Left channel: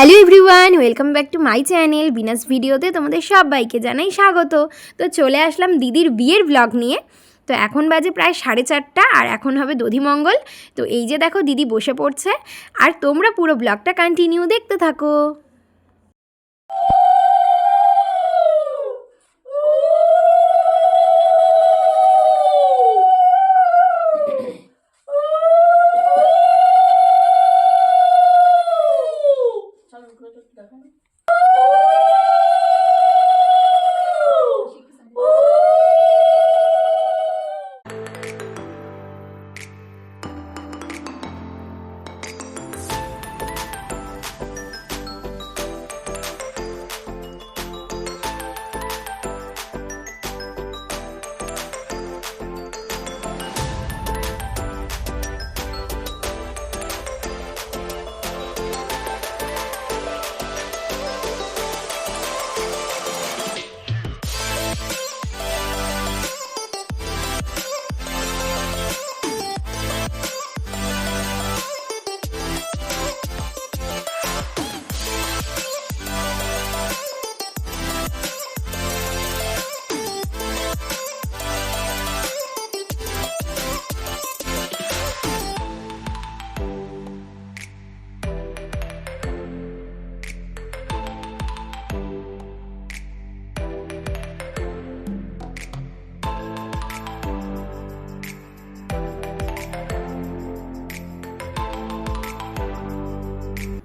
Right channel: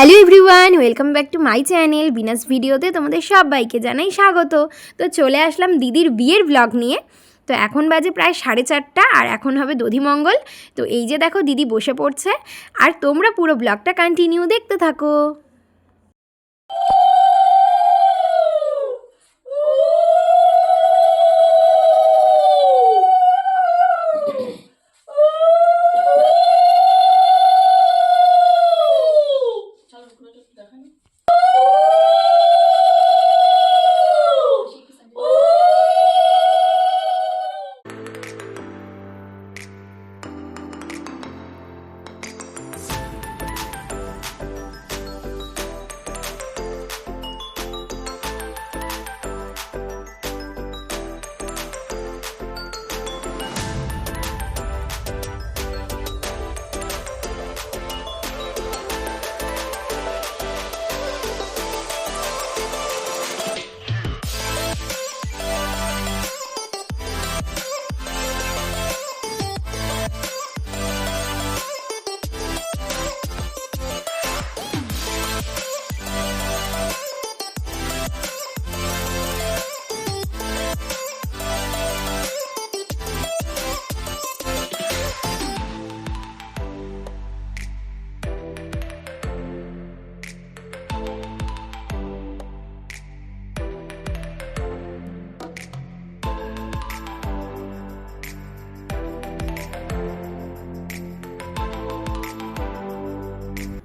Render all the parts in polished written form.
Hello everyone, welcome back to my channel বিনাস ভিডিওতে তোমাদের সবাইকে জানাই স্বাগত। তো চলে আসলাম দিদির বিয়ের ব্লগ নিয়ে। তো এখন বাজে প্রায় 4:30 আর এখন হবে দধিমঙ্গল। তো এই যে দেখো দিদি বসে পড়ছে, আর তোমরা পুরো ব্লগটা কন্টিনিউ দেখতে থাকো।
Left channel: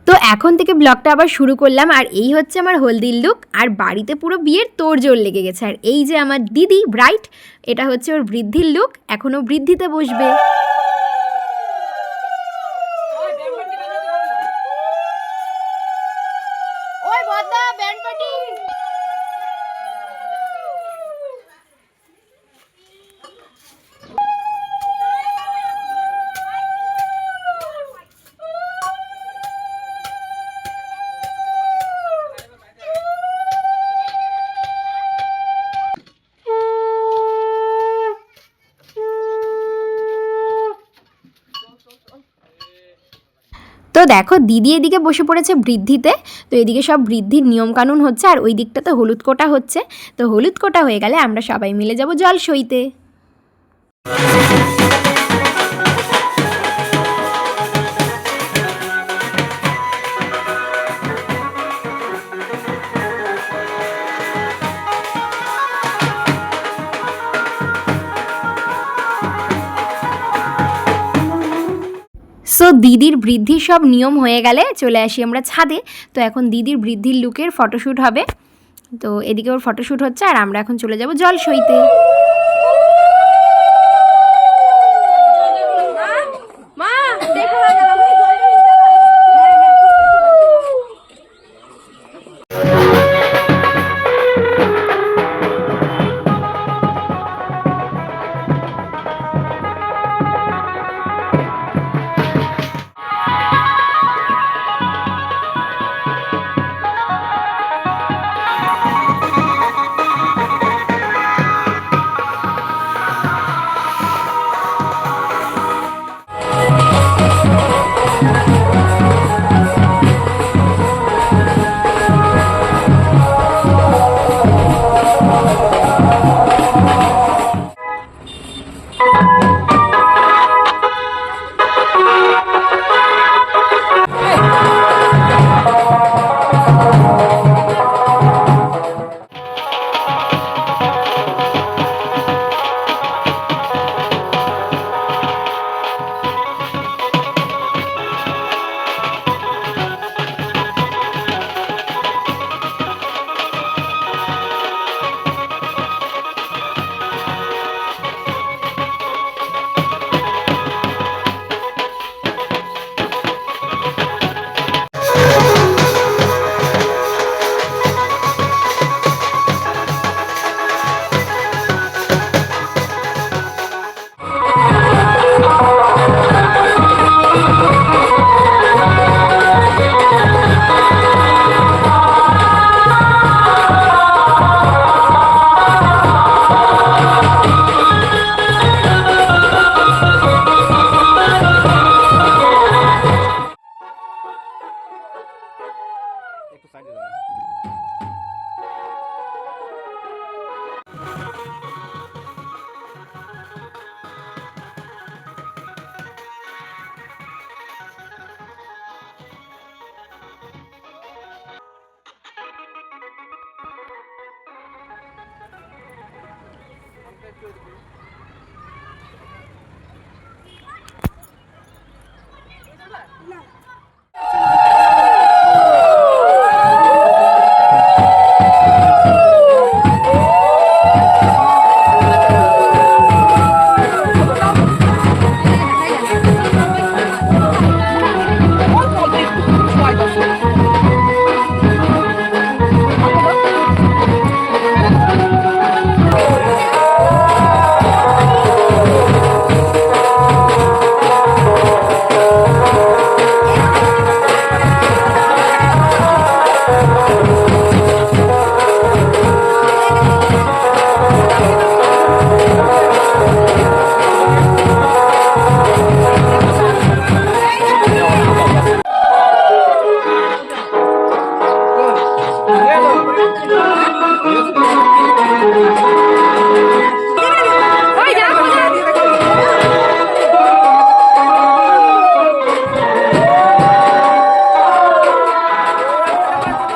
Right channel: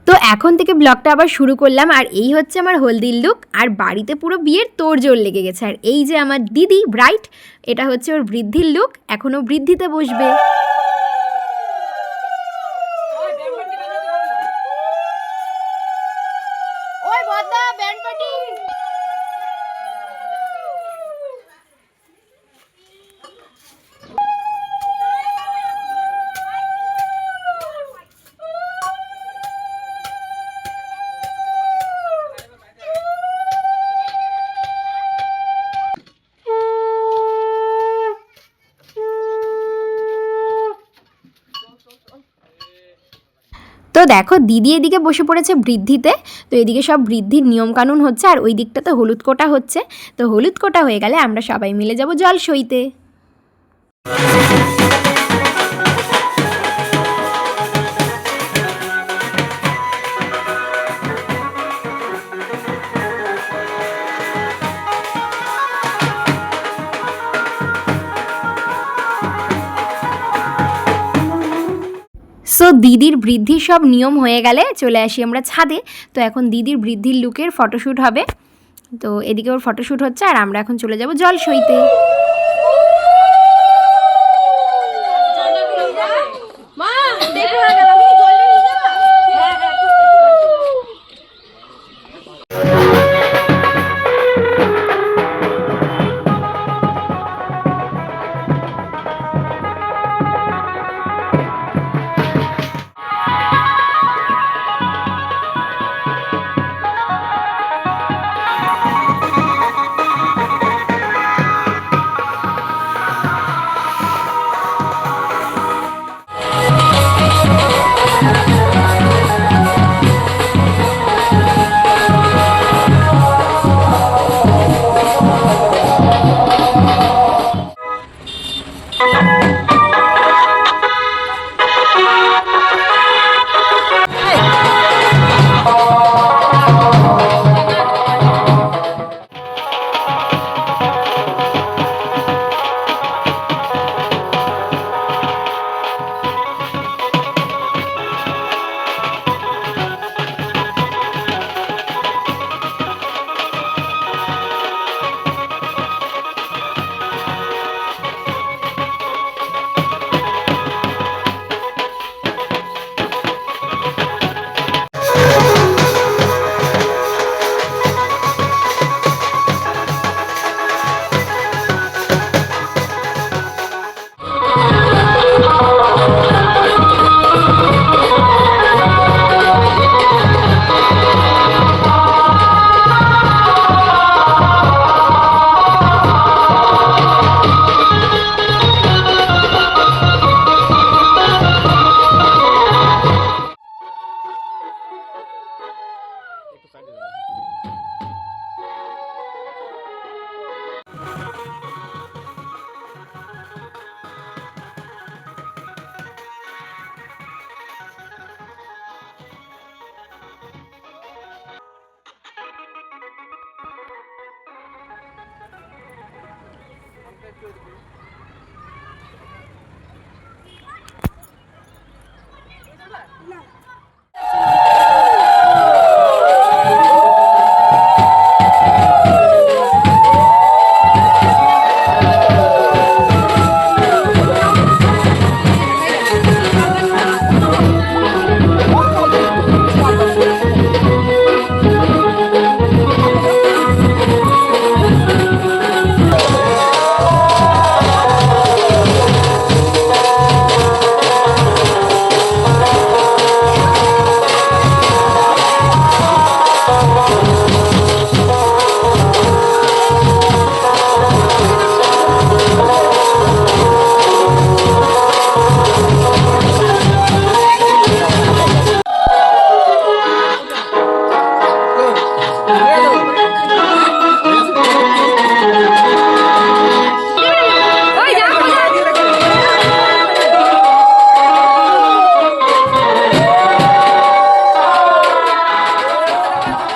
তো এখন থেকে ব্লগটা আবার শুরু করলাম, আর এই হচ্ছে আমার হলদির লুক। আর বাড়িতে পুরো বিয়ের তোড়জোড় লেগে গেছে। আর এই যে আমার দিদি ব্রাইট, এটা হচ্ছে ওর বৃদ্ধির লুক, এখনও বৃদ্ধিতে বসবে। তো দেখো দিদি এদিকে বসে পড়েছে বৃদ্ধিতে। তো এদিকে সব বৃদ্ধির নিয়মকানুন হচ্ছে, আর ওই দিকটাতে হলুদ কোটা হচ্ছে। তো হলুদ কোটা হয়ে গেলে আমরা সবাই মিলে যাব জল সইতে। সো দিদির বৃদ্ধির সব নিয়ম হয়ে গেলে চলে আসি আমরা ছাদে। তো এখন দিদির বৃদ্ধির লুকের ফটোশ্যুট হবে। তো এদিকে ওর ফটোশ্যুট হচ্ছে, আর আমরা এখন চলে যাব জল সইতে।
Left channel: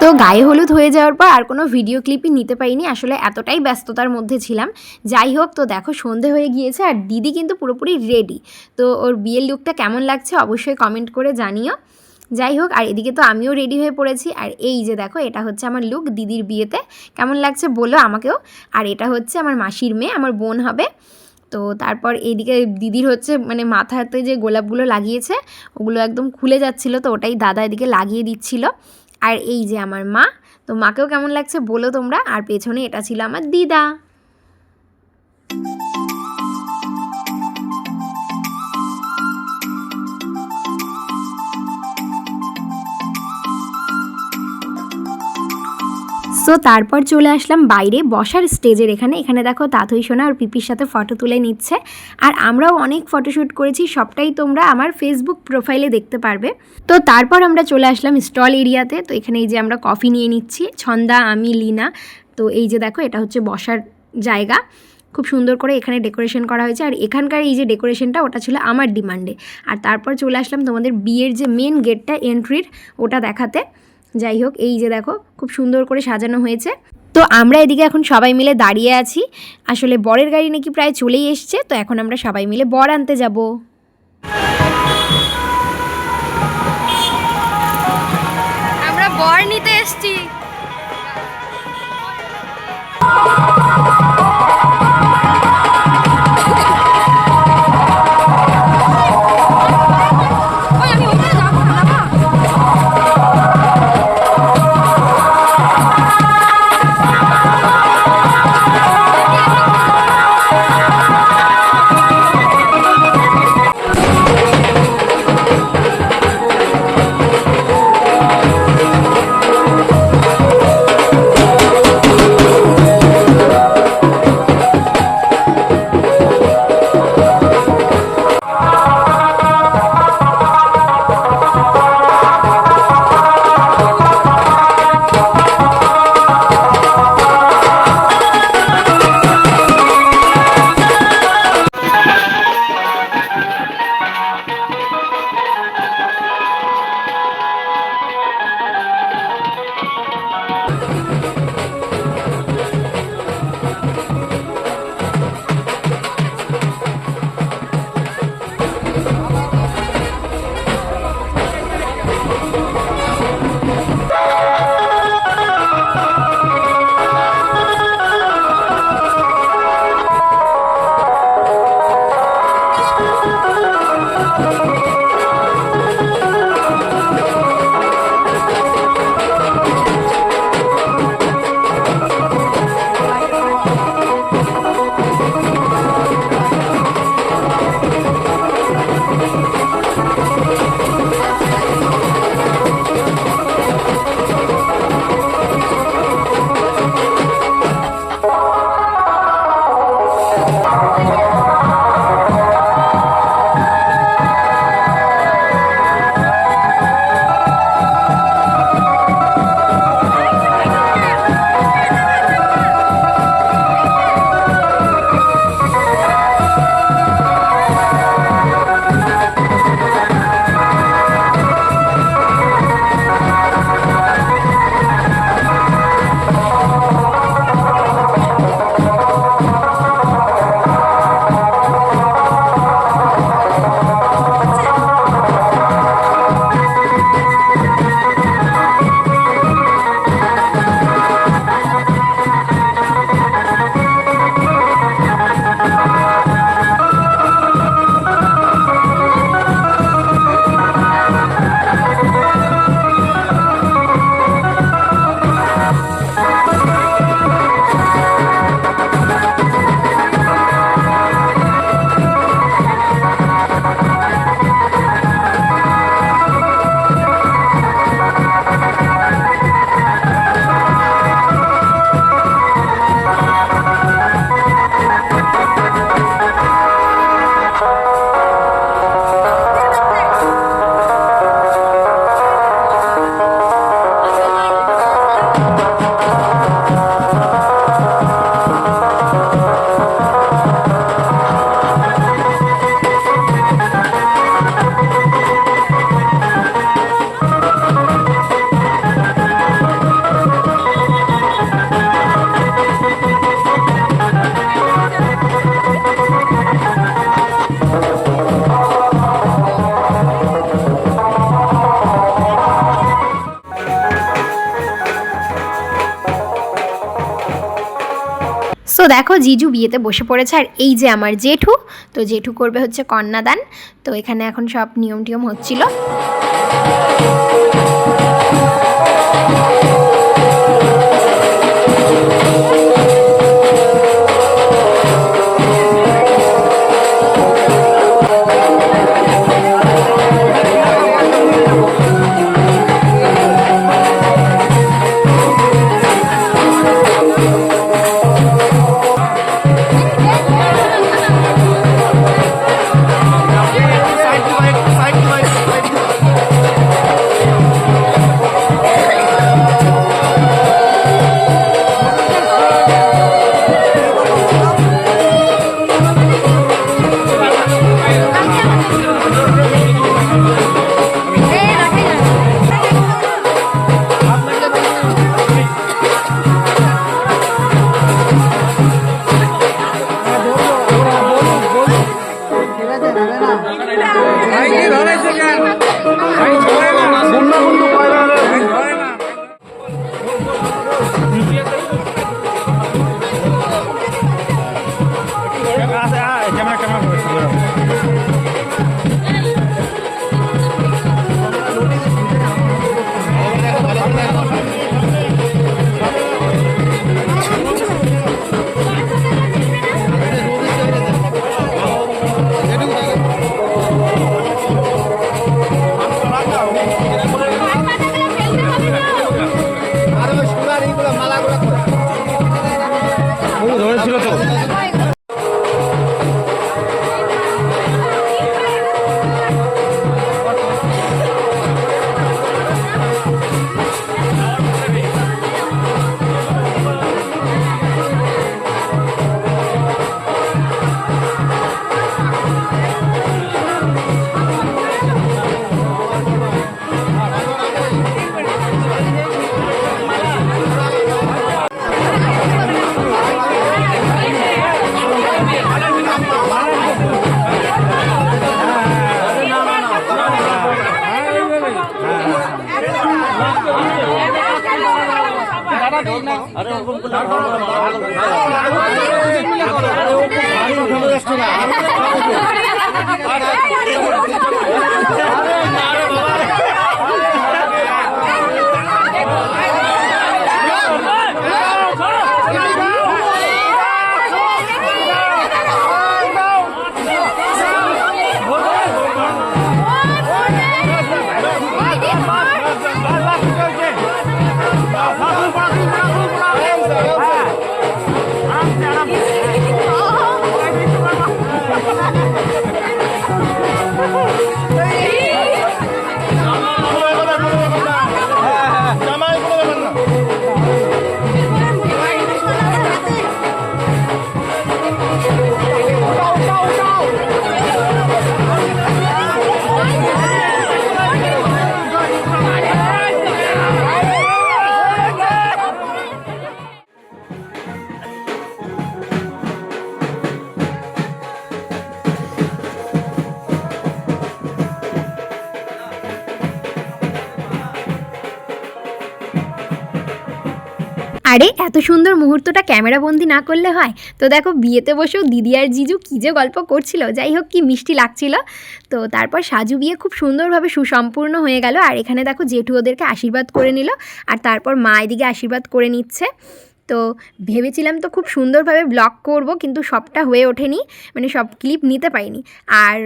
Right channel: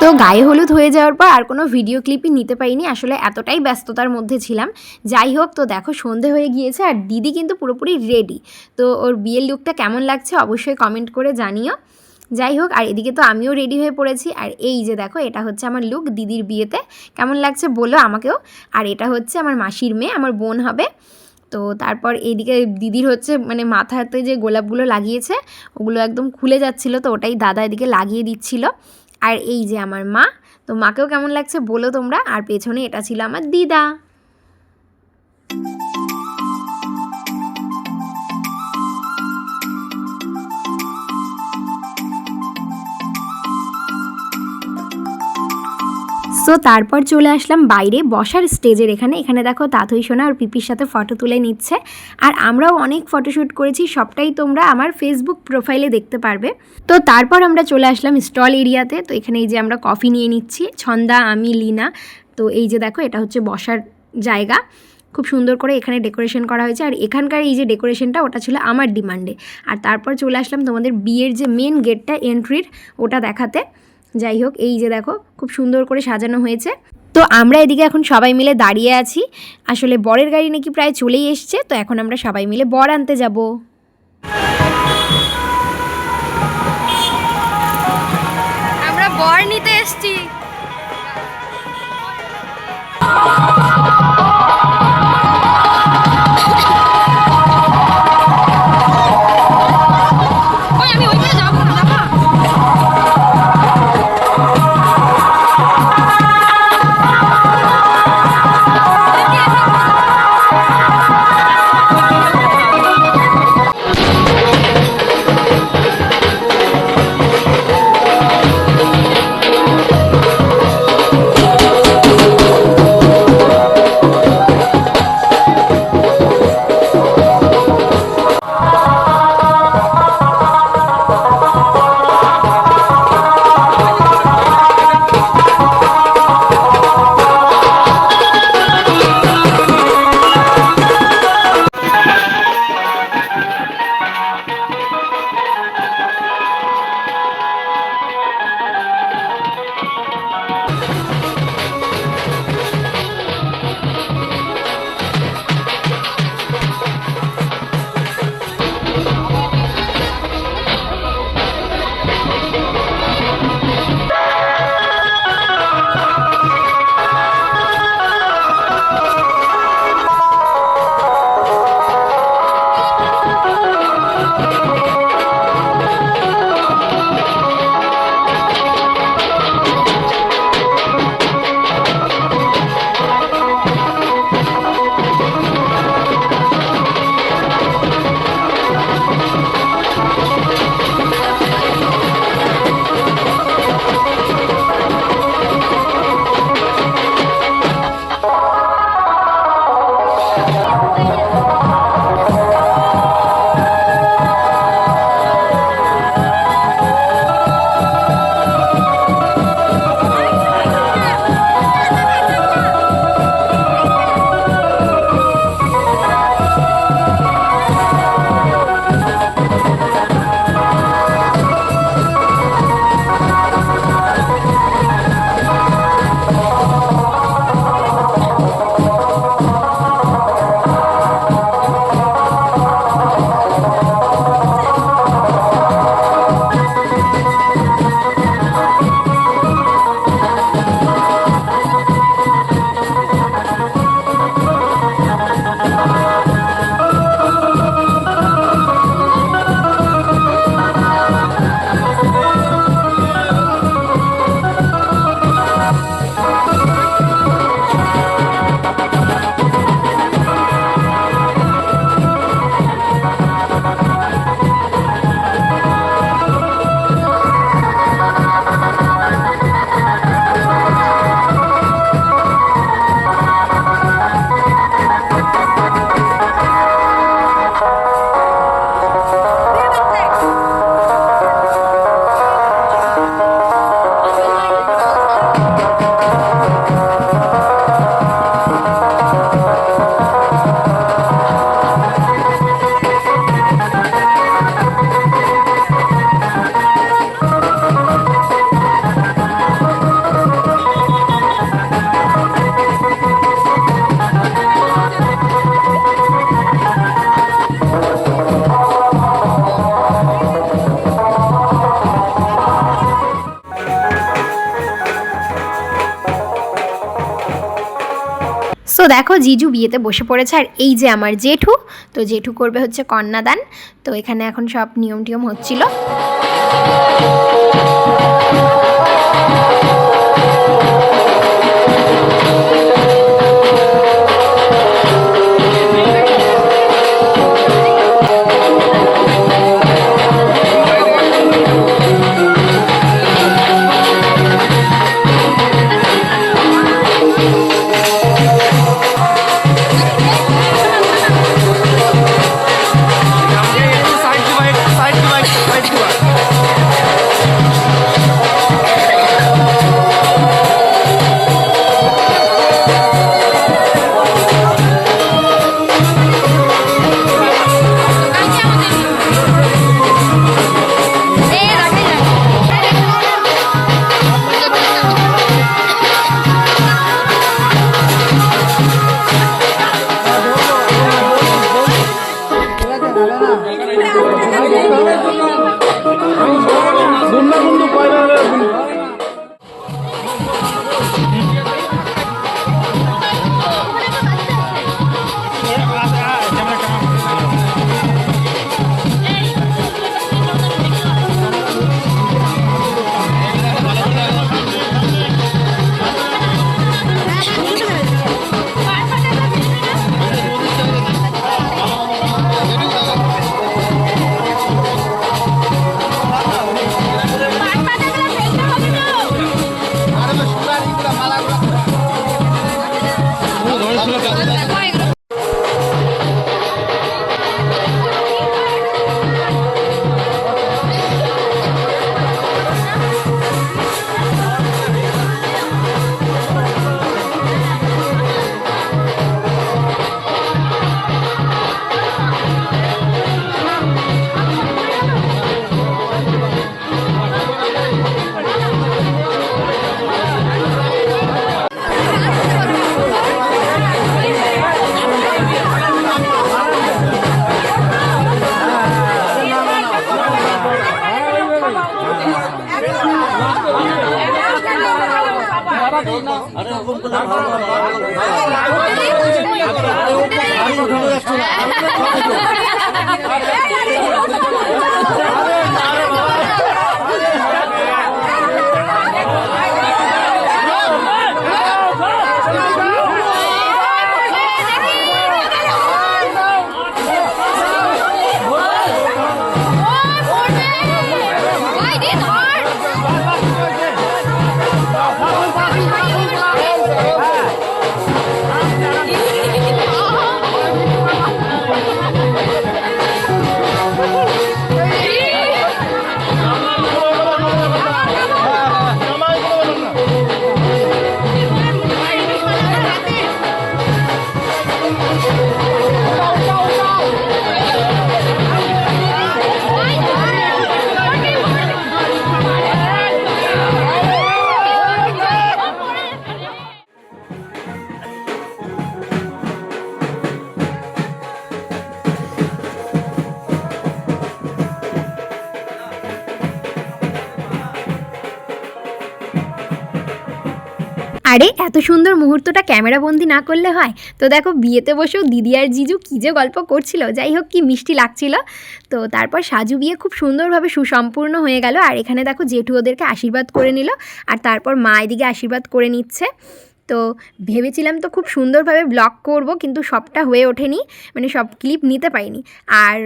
তো গায়ে হলুদ হয়ে যাওয়ার পর আর কোনো ভিডিও ক্লিপই নিতে পারিনি, আসলে এতটাই ব্যস্ততার মধ্যে ছিলাম। যাই হোক, তো দেখো সন্ধে হয়ে গিয়েছে আর দিদি কিন্তু পুরোপুরি রেডি। তো ওর বিয়ের লুকটা কেমন লাগছে অবশ্যই কমেন্ট করে জানিও। যাই হোক, আর এদিকে তো আমিও রেডি হয়ে পড়েছি। আর এই যে দেখো, এটা হচ্ছে আমার লুক দিদির বিয়েতে। কেমন লাগছে বলো আমাকেও। আর এটা হচ্ছে আমার মাসির মেয়ে, আমার বোন হবে। তো তারপর এইদিকে দিদির হচ্ছে মানে মাথাতে যে গোলাপগুলো লাগিয়েছে ওগুলো একদম খুলে যাচ্ছিলো, তো ওটাই দাদা এদিকে লাগিয়ে দিচ্ছিল। আর এই যে আমার মা, তো মাকেও কেমন লাগছে বলো তোমরা। আর পেছনে এটা ছিল আমার দিদা। সো তারপর চলে আসলাম বাইরে বসার স্টেজের এখানে দেখো তাথই সোনা আর পিপির সাথে ফটো তুলে নিচ্ছে। আর আমরাও অনেক ফটোশ্যুট করেছি, সবটাই তোমরা আমার ফেসবুক প্রোফাইলে দেখতে পারবে। তো তারপর আমরা চলে আসলাম স্টল এরিয়াতে। তো এখানে এই যে আমরা কফি নিয়ে নিচ্ছি, ছন্দা, আমি, লীনা। তো এই যে দেখো, এটা হচ্ছে বসার জায়গা, খুব সুন্দর করে এখানে ডেকোরেশন করা হয়েছে। আর এখানকার এই যে ডেকোরেশনটা ওটা ছিল আমার ডিমান্ডে। আর তারপর চলে আসলাম তোমাদের বিয়ের যে মেন গেটটা এন্ট্রির ওটা দেখাতে। যাই হোক, এই যে দেখো খুব সুন্দর করে সাজানো হয়েছে। তো আমরা এদিকে এখন সবাই মিলে দাঁড়িয়ে আছি। আসলে বরের গাড়ি নাকি প্রায় চলেই এসছে, তো এখন আমরা সবাই মিলে বর আনতে যাব। আমরা বর নিতে এসছি। দেখো জিজু বিয়েতে বসে পড়েছে, আর এই যে আমার জেঠু, তো জেঠু করবে হচ্ছে কন্যাদান। তো এখানে এখন সব নিয়ম টিয়ম হচ্ছিল। আরে এত সুন্দর মুহূর্তটা ক্যামেরা বন্দি না করলে হয়? তো দেখো বিয়েতে বসেও দিদি আর জিজু কী যে গল্প করছিল, যাই হোক কি মিষ্টি লাগছিল। তো তারপর সাজু বিয়ে খুব সুন্দরভাবে সুসম্পূর্ণ হয়ে গেল, আর এখানে দেখো জেঠু ওদেরকে আশীর্বাদ করে নিল, আর তারপর মা এদিকে আশীর্বাদ করে নিচ্ছে। তো ভেবেছিলাম তো খুব সুন্দরভাবে ব্লগ করব, কিন্তু সবটা হয়ে ওঠেনি, মানে সব ক্লিপ নিতে পারিনি। আর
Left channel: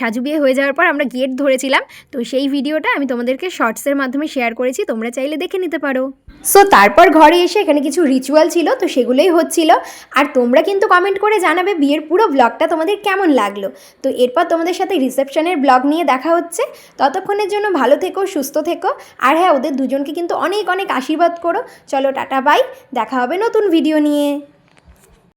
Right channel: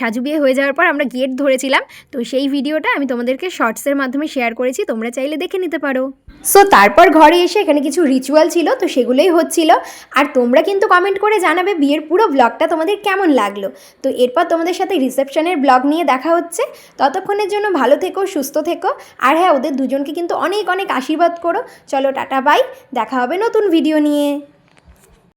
সাজু বিয়ে হয়ে যাওয়ার পর আমরা গেট ধরেছিলাম, তো সেই ভিডিওটা আমি তোমাদেরকে শর্টসের মাধ্যমে শেয়ার করেছি, তোমরা চাইলে দেখে নিতে পারো। সো তারপর ঘরে এসে এখানে কিছু রিচুয়াল ছিল, তো সেগুলোই হচ্ছিল। আর তোমরা কিন্তু কমেন্ট করে জানাবে বিয়ের পুরো ব্লগটা তোমাদের কেমন লাগলো। তো এরপর তোমাদের সাথে রিসেপশনের ব্লগ নিয়ে দেখা হচ্ছে। ততক্ষণের জন্য ভালো থেকো, সুস্থ থেকো, আর হ্যাঁ ওদের দুজনকে কিন্তু অনেক অনেক আশীর্বাদ করো। চলো টাটা বাই, দেখা হবে নতুন ভিডিও নিয়ে।